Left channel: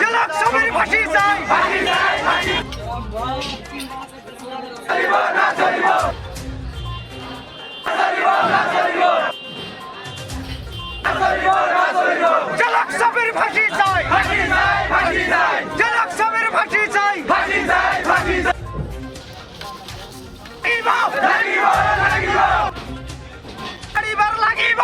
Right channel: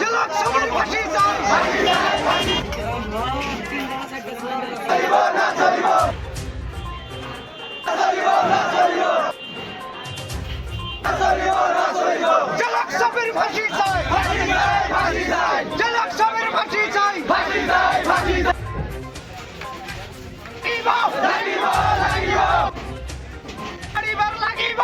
জেলা সবের ফাঁসি চাই জেলা সবের ফাঁসি চাই জেলা সবের ফাঁসি চাই পরিবার লাগিব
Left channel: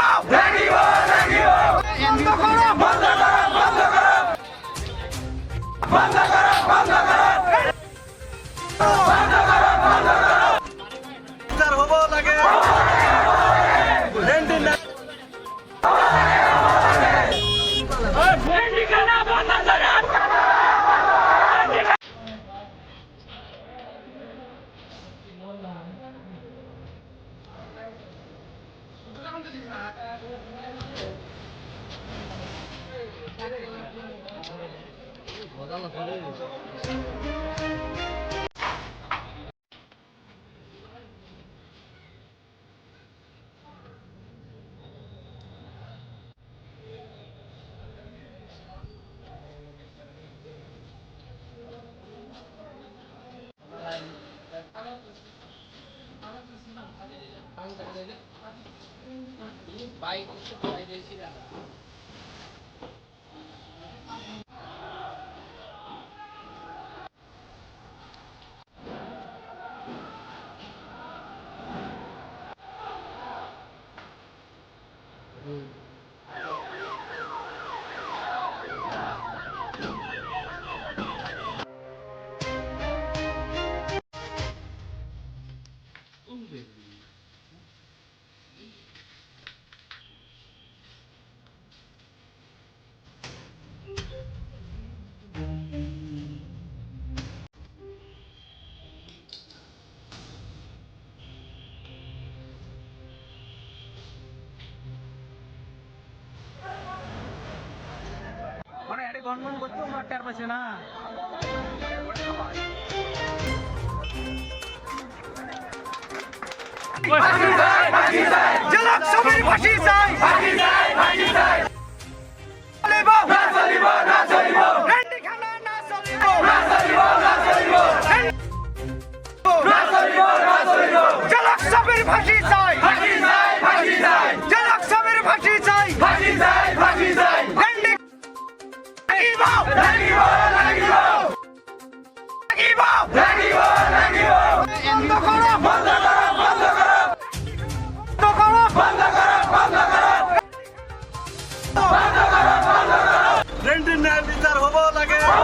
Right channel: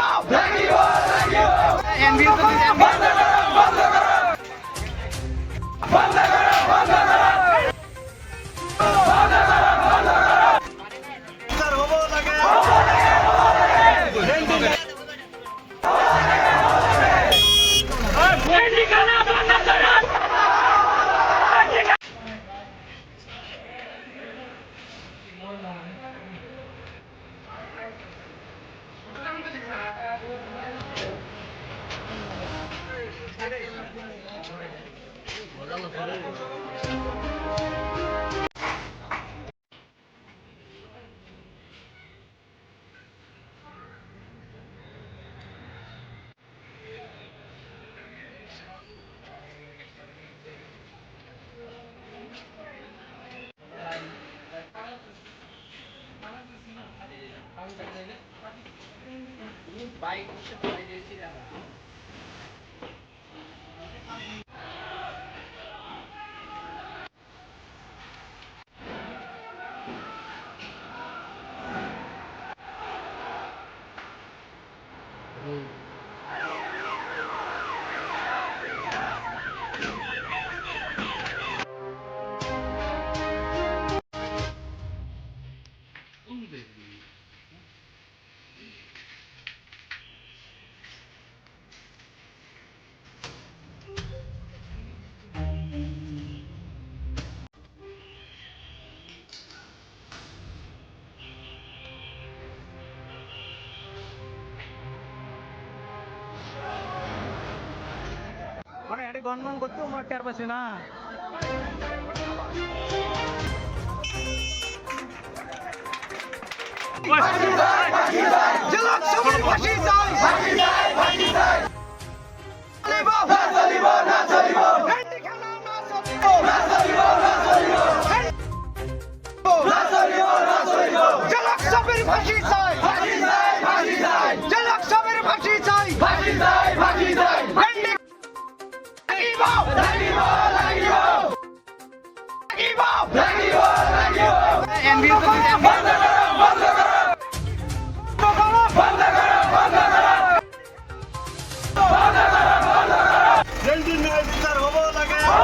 বাইক গণনা করতে আমরা টের পাচ্ছি না জেলা সবের ফাঁসি চাই রেন্ডিখানা না চলিব জেলা সবের ফাঁসি চাই জেলা সবের ফাঁসি চাই বিচার হবো লাগে